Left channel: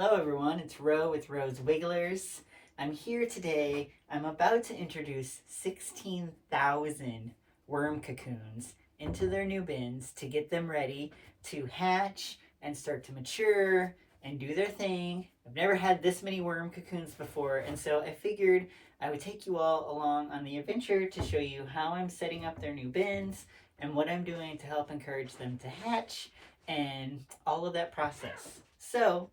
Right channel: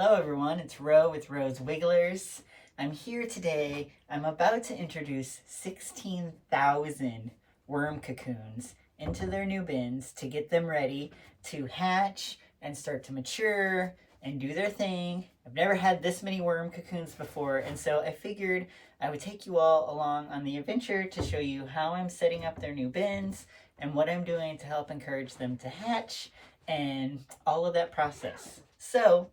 Hello everyone, it's Ro with Ro's Wigglers. I'm here today. I'm about to introduce 16,000 worm cocoons into their new bins to get them ready to hatch and start to mature and do their thing. I've never had this many worm cocoons before, and so I figured I would take you all along on the adventure to show you how I'm setting up their new bins and what I'm doing to help encourage them to hatch and all of that process. So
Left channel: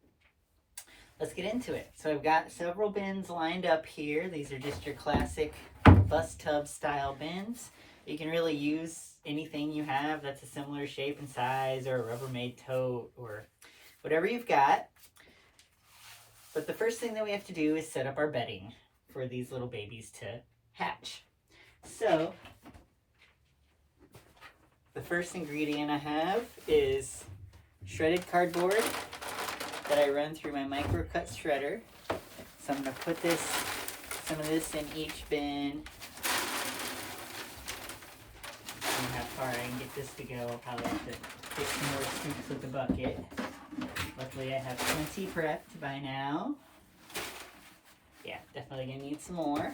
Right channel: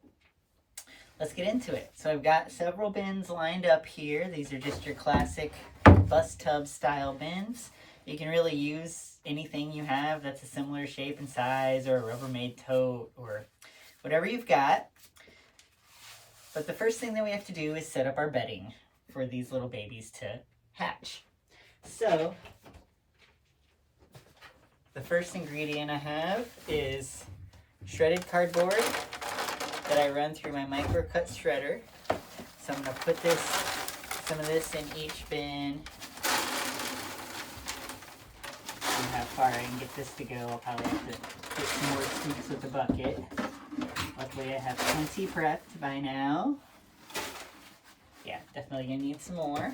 let's get into it. So I've got several bins lined up here. These are just your classic bus tub style bins. You can really use anything you have that's a similar shape and size, or a Rubbermaid tote, or whatever you've got. But the first thing that we have to do is set up our bedding for these little babies to hatch. So the first ingredient I have is shredded cardboard that I run through my micro cut shredder. So I'm going to put some of this in each bin. And how far I can get this to go. I'll probably have to get some more scoops with the bucket. Luckily I have plenty prepped by now. Yeah, definitely going to need some more.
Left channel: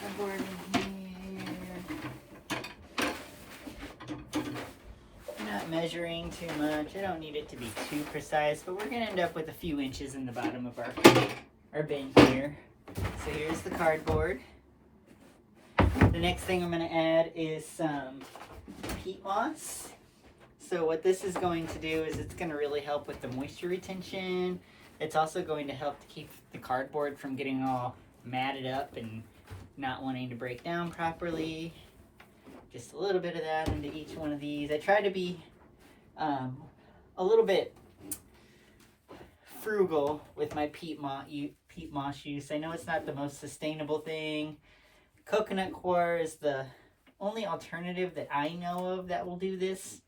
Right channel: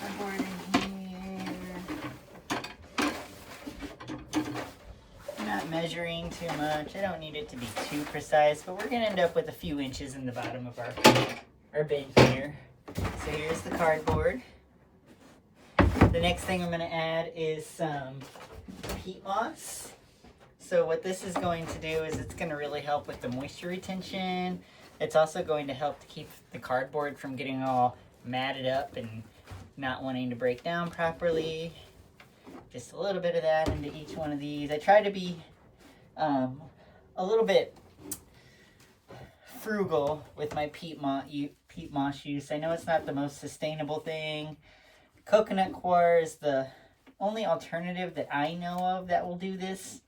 Cardboard in here. I'm not measuring too much. I don't need it to be too precise, but we're gonna end up with a few inches in the bottom of our bin here. So here's the cardboard. The next thing I'm gonna add is some peat moss. So what this is going to do is it's gonna really help with the moisture retention. It's also going to help to keep the cardboard from getting all matted up and not wanting to break down properly. Just a little bit of that into each one of these. I try to be a little bit frugal with my peat moss use. I know it's not the most sustainable thing. Coconut coir is the only alternative that I know of that will do this.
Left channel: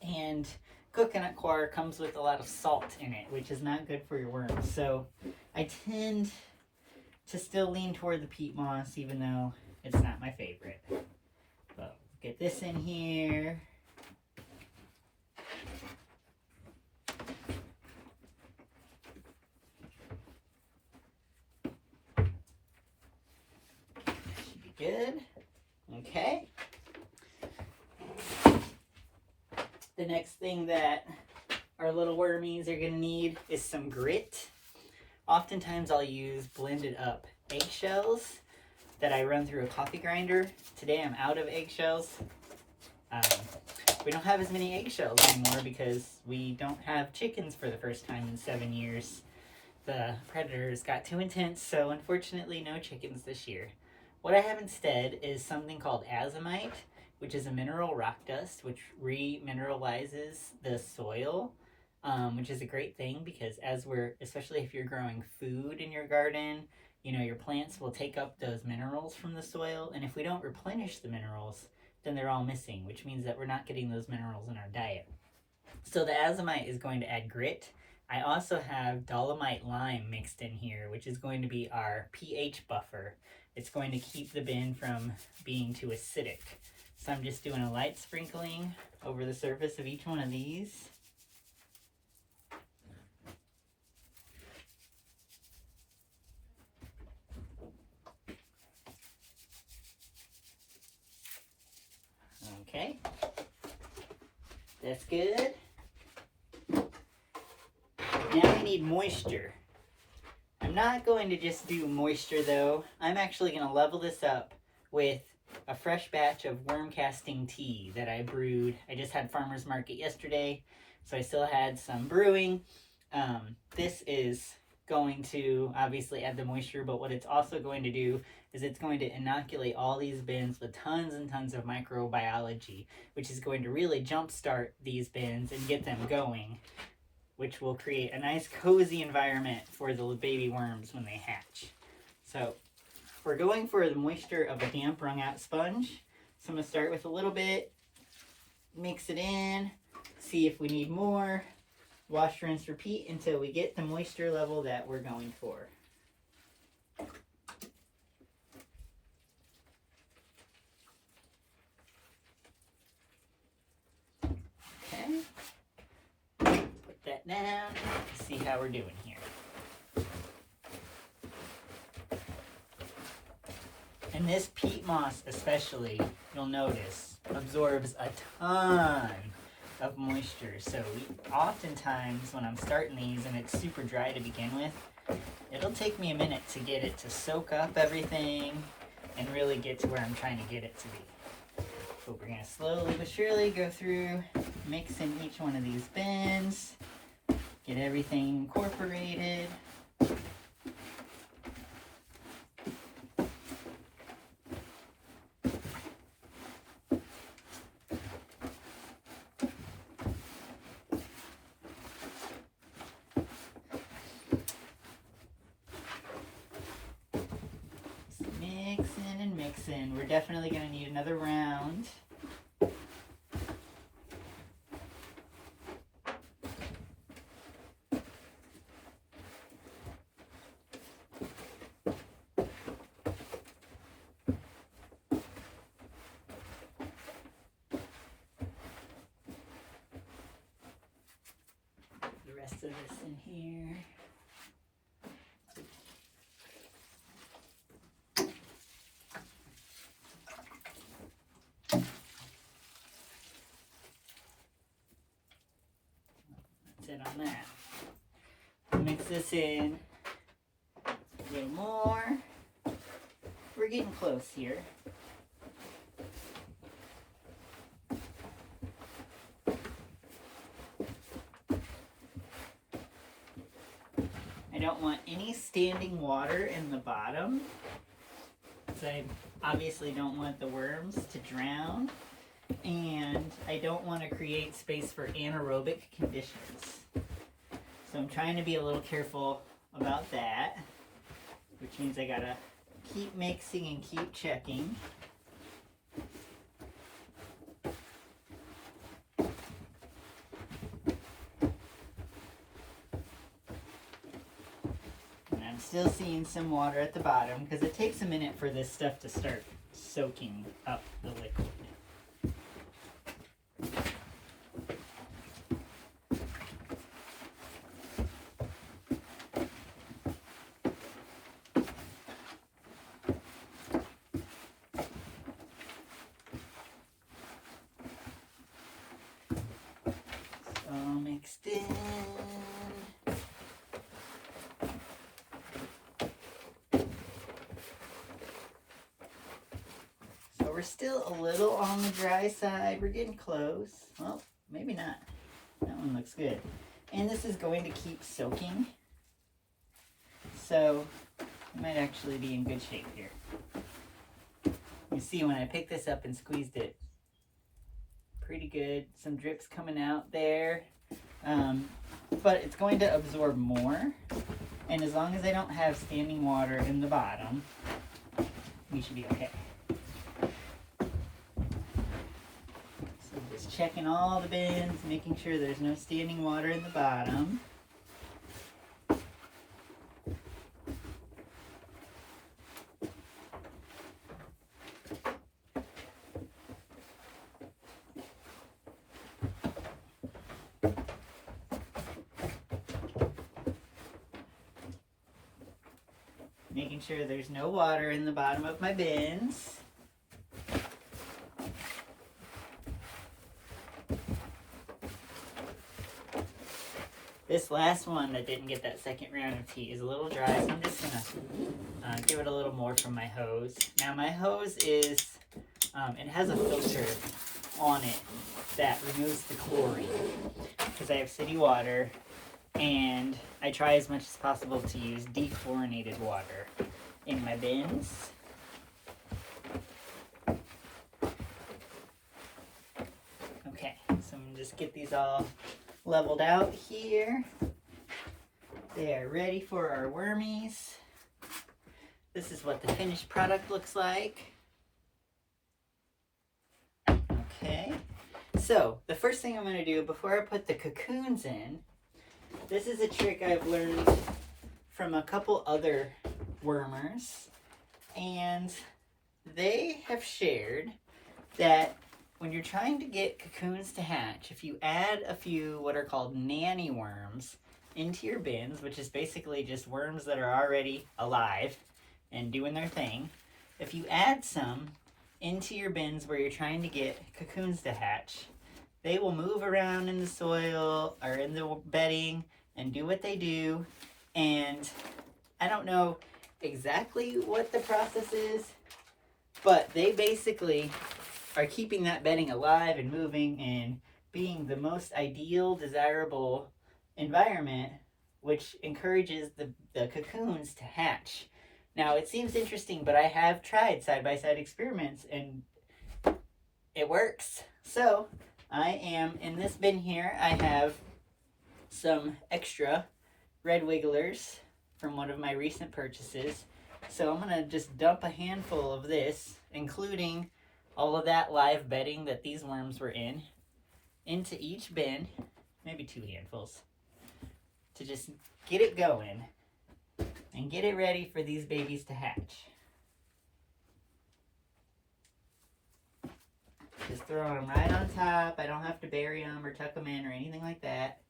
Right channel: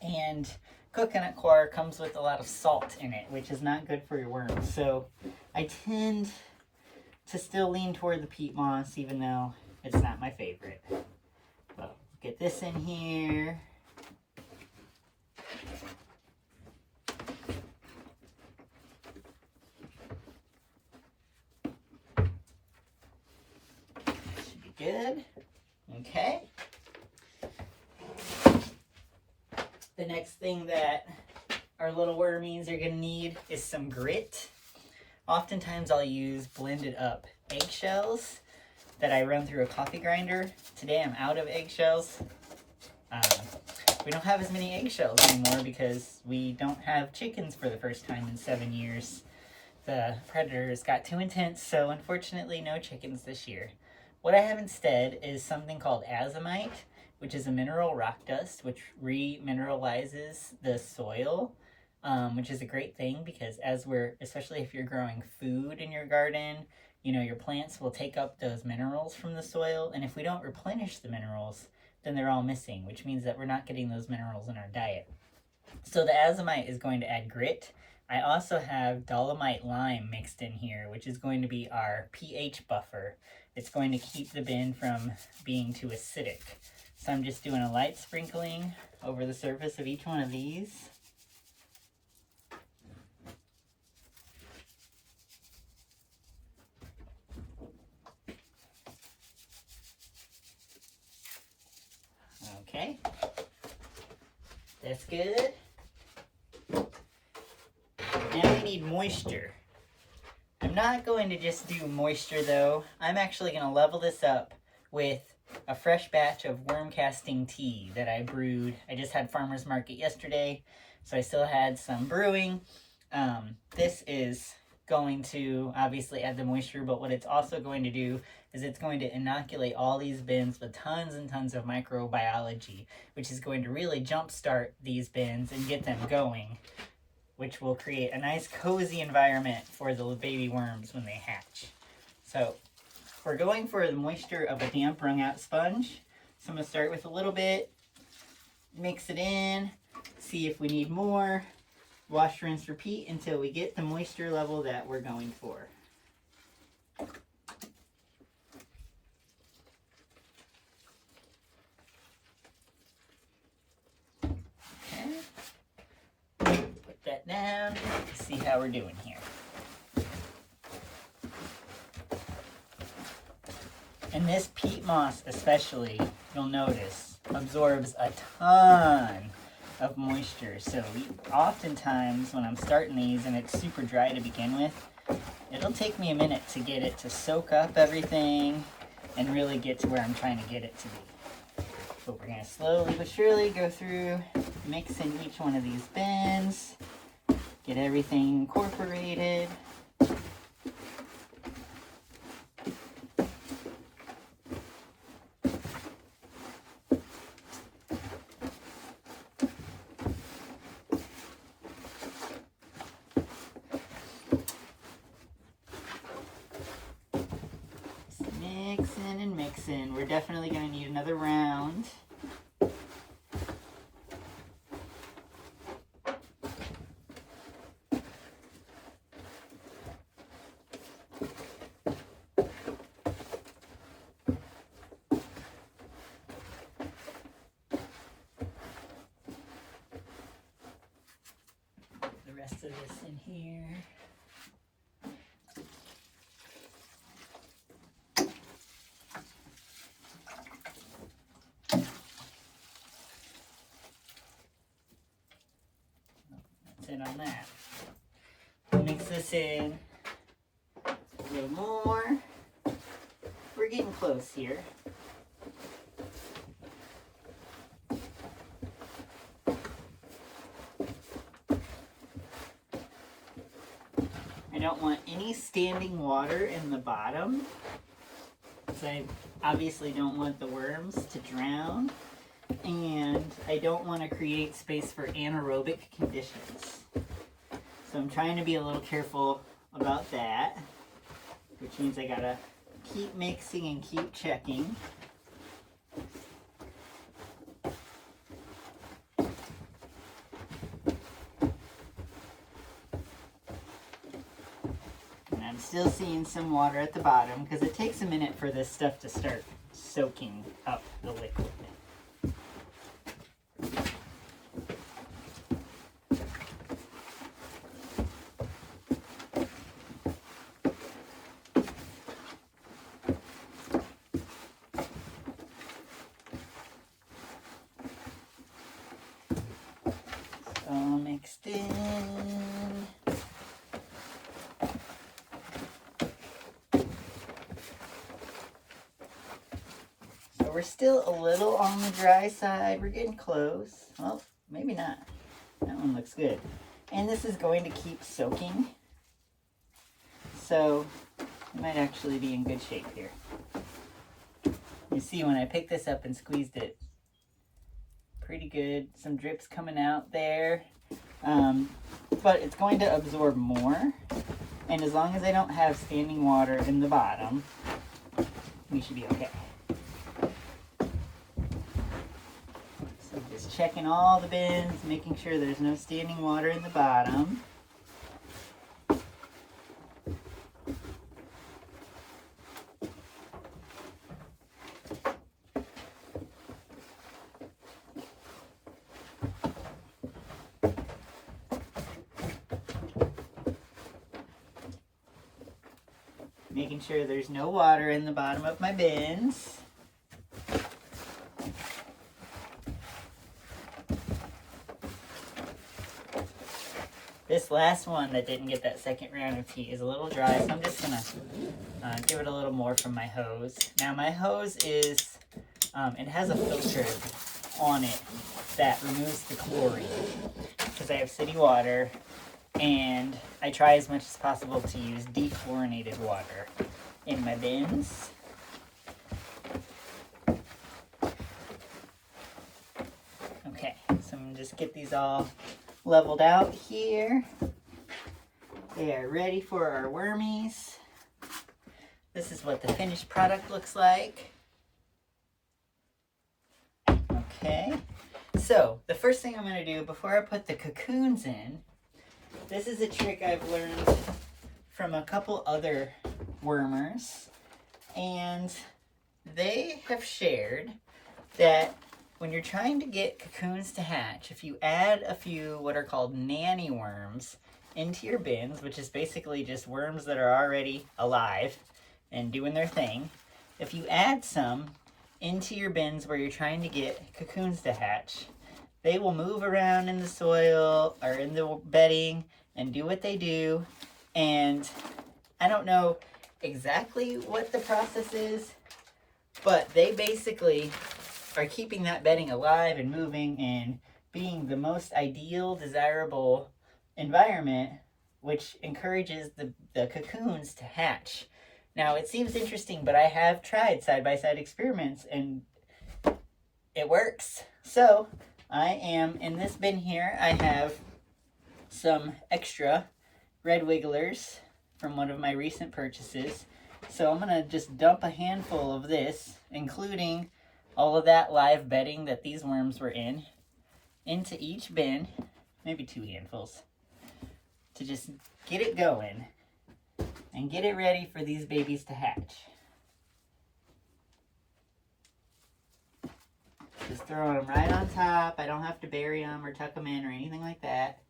And coconut coir comes with a lot of salt in it, which is not good for your worms. So I tend to still lean toward the peat moss, even though it's not my favorite. But get this in here. Should be good. Okay. The next thing that our little wormies are going to need is some grit. Oftentimes I'll use blended up eggshells that I run through a coffee grinder. Today I'm out of eggshells. We don't have as many eggshells anymore because we don't have chickens for the first time in 7 years. The predators got too intense, so unfortunately no chickens this year. What I have instead is something called azomite, which is a mineral rock dust which remineralizes the soil. Which is a great thing because especially if you're growing food in your garden, you know, your plants will take up those minerals from the soil. And if we don't replenish the minerals, then they're all missing, which means that we're not getting those minerals in our diet. So the azomite is going to add grit. I also have dolomite lime mixed in here, which is going to be our pH buffer. It's going to keep the bin from being too acidic. So I'm just doing a light sprinkling over the surface of each one of these. Okay, that's good. Now we need moisture. I'm not going to just do moisture though. I'm actually going to level this up with a fresh batch of worm casting tea that I brewed. I just had farmer's market yesterday, so I still had some brewing. This is going to obviously add the moisture, but what it's also going to do is it's going to inoculate all these bins with tons and tons of microbiology, which is going to really jumpstart these bins and get them going, which will create a nice cozy environment for the baby worms when they hatch. So we're going for the moisture of a damp wrung out sponge. So I'm going to start with a little bit, mix it in, see if we need more. Wash, rinse, repeat until we get the moisture level that we're going for. Okay. Put that down. See how we're doing here. And this peat moss especially, you'll notice, absorbs a ton of moisture. So oftentimes when I'm starting these and it's super dry to begin with, it'll take me a minute to get it to soak up everything and really get to where I'm trying to get it to be. But we're going to slowly but surely go through, mix in each one of these bins, get everything incorporated. Mixing and mixing. We're definitely going to need another round. The rest of this in here. On that. Mix this in a little more. We're getting close here. I don't want any standing water in the bottom, so I obviously don't want the worms to drown, and I don't want to create space for anaerobic conditions. So I'm trying to be a little careful about that, which means I gotta keep mixing and keep checking. And I'm still seeing some water at the bottom because it takes a minute for this stuff to start soaking up the liquid. All mixed in. So we're still a little on the dry side. We're getting close. Well, maybe not. That one looks good. And this is going to keep soaking. So it might actually be in good shape here. You see when I picked this up and squeezed it, pretty good. Some drips coming out there. But it's going to absorb more. And as long as I don't have standing water in the bottom, we should be okay. So just checking all the bins, making sure there's no standing water in the bottom. Making sure there's no water in the bottom of my bins. This last one that didn't get that second round of tea is a little dry, so I'm just gonna give it a little more from my hose. Now my hose is, it has a filter on it that removes the chlorine because I have city water. And I try as much as possible to use dechlorinated water in my bins. Okay, so I'm gonna just get these all leveled out here. They are ready for our wormies. This is what the finished product looks like. Okay, so the first thing I'm gonna do before I put the cocoons in This is a trick I've learned from a couple other wormers, and they have shared that when you're trying to get cocoons to hatch, if you add a few what are called nanny worms into your bins, which is basically just worms that are already alive and doing their thing, if you add some into your bins where you're trying to get cocoons to hatch, they will move around in the soil or in the bedding and do what they do. And I don't know exactly what the process is, but they basically are keeping that bedding alive and moving and being the most ideal, desirable environment, which encourages the cocoons to hatch. Now, it seems interesting, but I have tried side-by-side experiments, and it works. So, I am, in this bin here, I have some extra red wigglers from one of my recent purchases. So I'm going to just dump a handful of this, including all of that live bedding that these worms were in, into each bin, maybe 2 handfuls, to just get it going and get it ready for these babies to hatch. Just throw them right on top. I don't have to bury them or tuck them in or anything like that.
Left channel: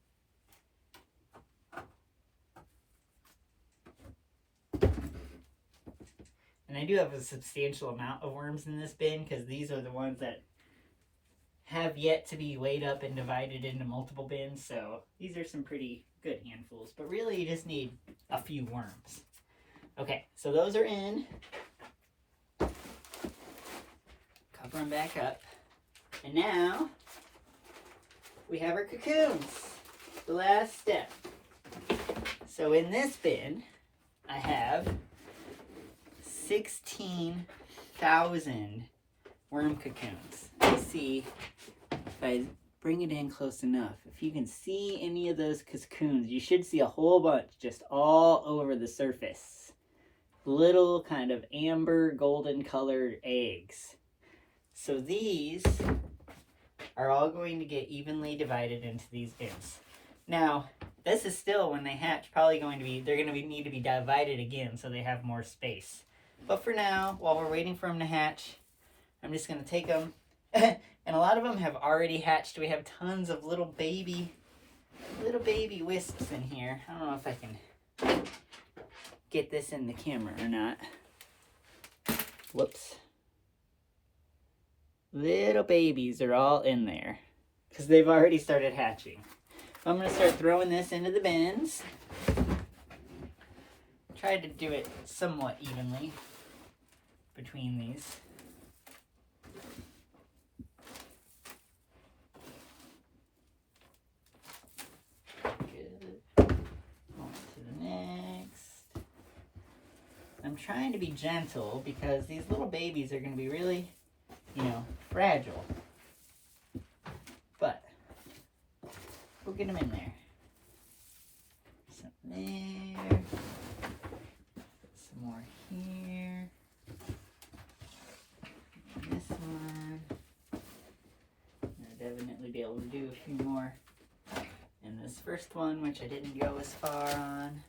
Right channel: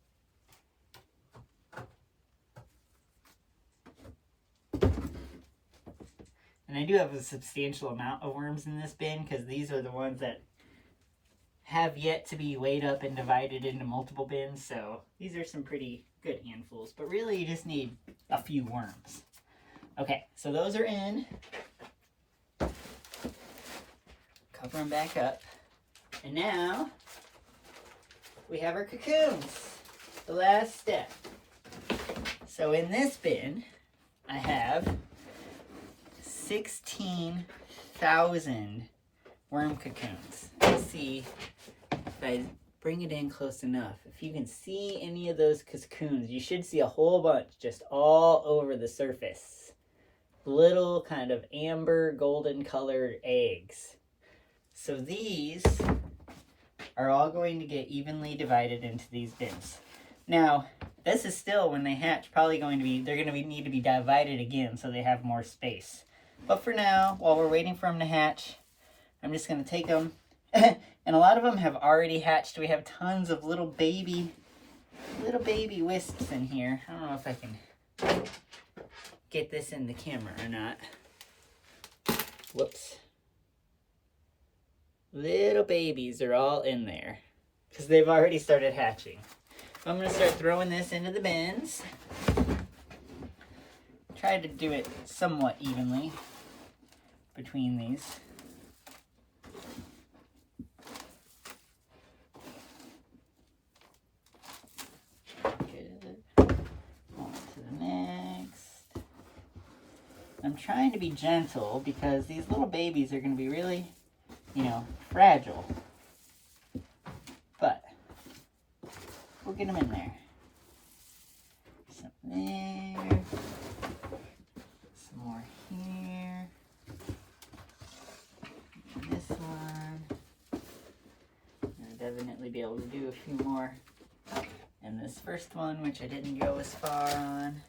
And I do have a substantial amount of worms in this bin because these are the ones that have yet to be weighed up and divided into multiple bins. So these are some pretty good handfuls, but really you just need a few worms. Okay, so those are in. Cover them back up. And now we have our cocoons, the last step. So in this bin, I have 16,000 worm cocoons. Let's see if I bring it in close enough. If you can see any of those cocoons, you should see a whole bunch just all over the surface. Little kind of amber golden colored eggs. So these are all going to get evenly divided into these bins. Now, this is still, when they hatch, probably going to be, they're going to need to be divided again so they have more space. But for now, while we're waiting for them to hatch, I'm just going to take them. And a lot of them have already hatched. We have tons of little baby wisps in here. I don't know if I can get this in the camera or not. Whoops. Little babies are all in there because they've already started hatching. I'm going to start throwing this into the bins. Try to do it somewhat evenly between these. Good. On to the next. I'm trying to be gentle because these little babies are going to be really, fragile. But we'll get them in there. Some there. Some more here. This one. I'll definitely be able to do a few more. And this first one, which I didn't go as far on.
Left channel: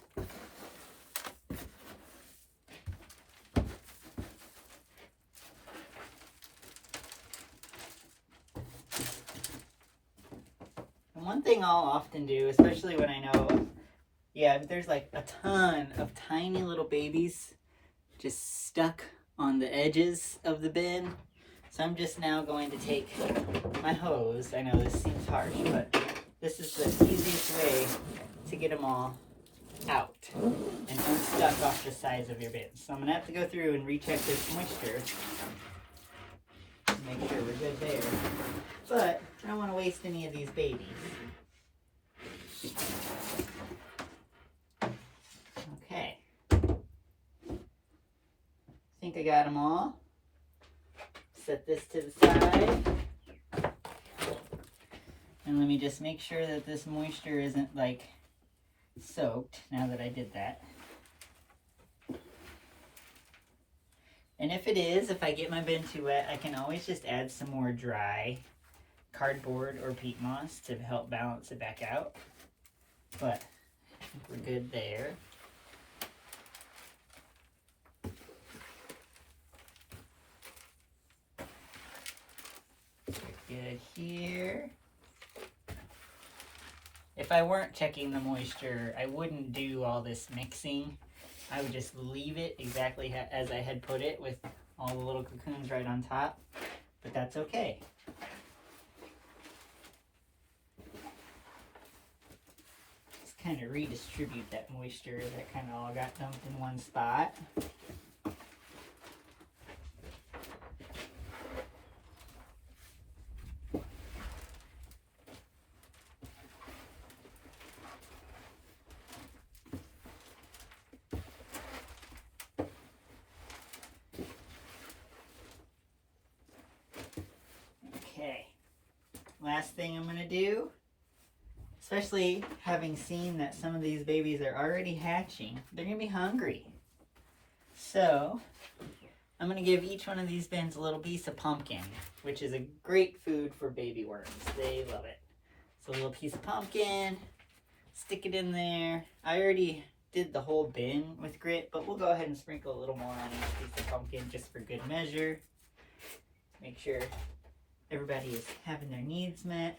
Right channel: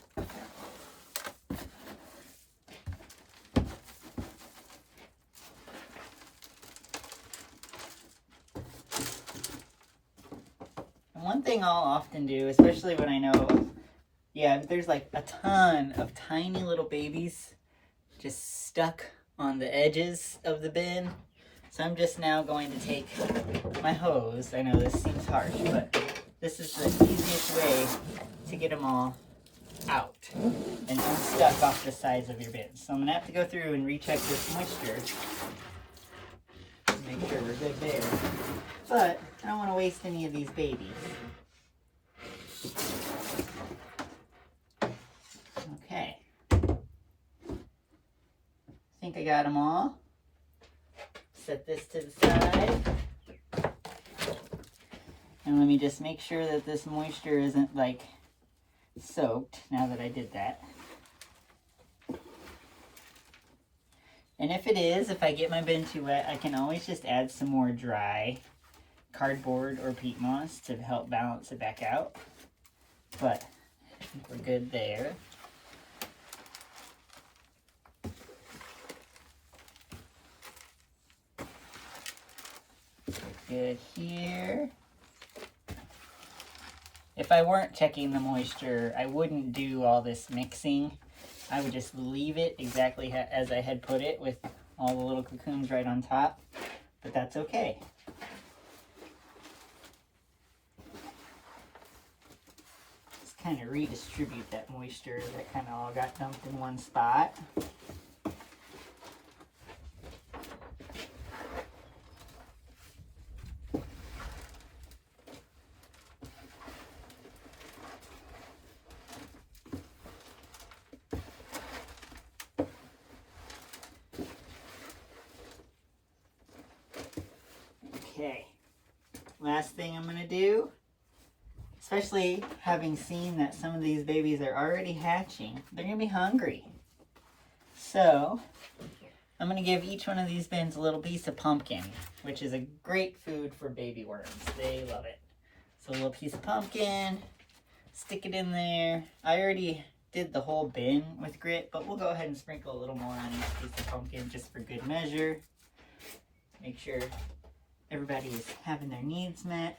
One thing I'll often do, especially when I know, there's like a ton of tiny little babies just stuck on the edges of the bin. So I'm just now going to take my hose. I know this seems harsh, but this is the easiest way to get them all out and unstuck off the sides of your bin. So I'm going to have to go through and recheck this moisture. Make sure we're good there. But I don't want to waste any of these babies. Okay. I think I got them all. Set this to the side. And let me just make sure that this moisture isn't like soaked now that I did that. And if it is, if I get my bin too wet, I can always just add some more dry cardboard or peat moss to help balance it back out. but I think we're good there. Good here. If I weren't checking the moisture, I wouldn't do all this mixing. I would just leave it exactly as I had put it with all the little cocoons right on top, but that's okay. Just kind of redistribute that moisture that kind of all got dumped in one spot. Okay, last thing I'm gonna do, especially having seen that some of these babies are already hatching, they're gonna be hungry. So I'm gonna give each one of these bins a little piece of pumpkin, which is a great food for baby worms. They love it. So a little piece of pumpkin, stick it in there. I already did the whole bin with grit, but we'll go ahead and sprinkle a little more on each piece of pumpkin just for good measure. Make sure everybody is having their needs met.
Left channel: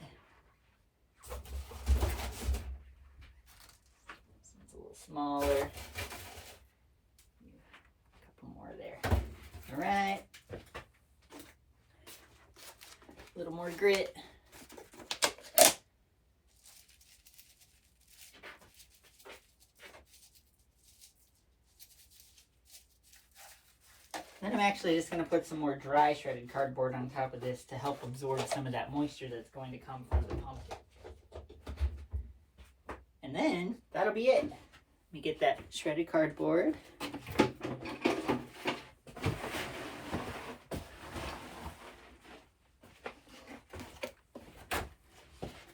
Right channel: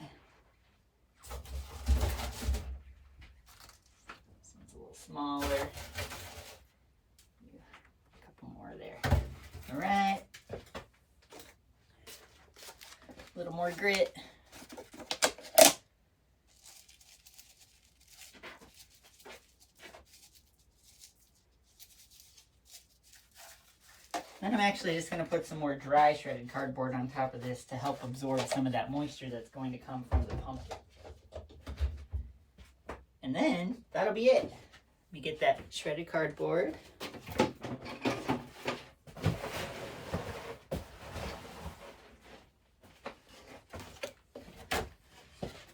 This one's a little smaller. A couple more there. All right. A little more grit. Then I'm actually just going to put some more dry shredded cardboard on top of this to help absorb some of that moisture that's going to come from the pumpkin. And then that'll be it. You get that shredded cardboard.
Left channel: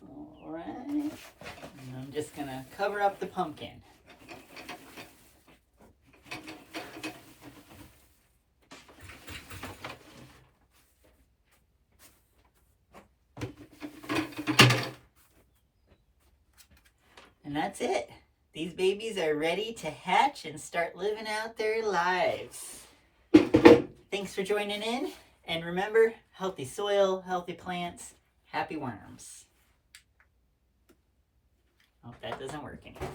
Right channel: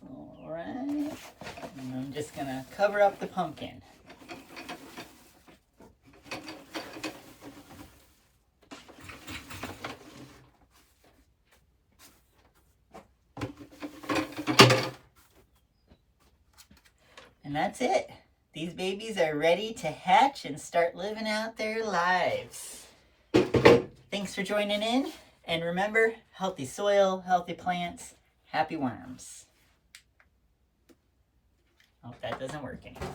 All right. And I'm just going to cover up the pumpkin. And that's it. These babies are ready to hatch and start living out their lives. Thanks for joining in. And remember, healthy soil, healthy plants, happy worms. Oh, that doesn't work anymore.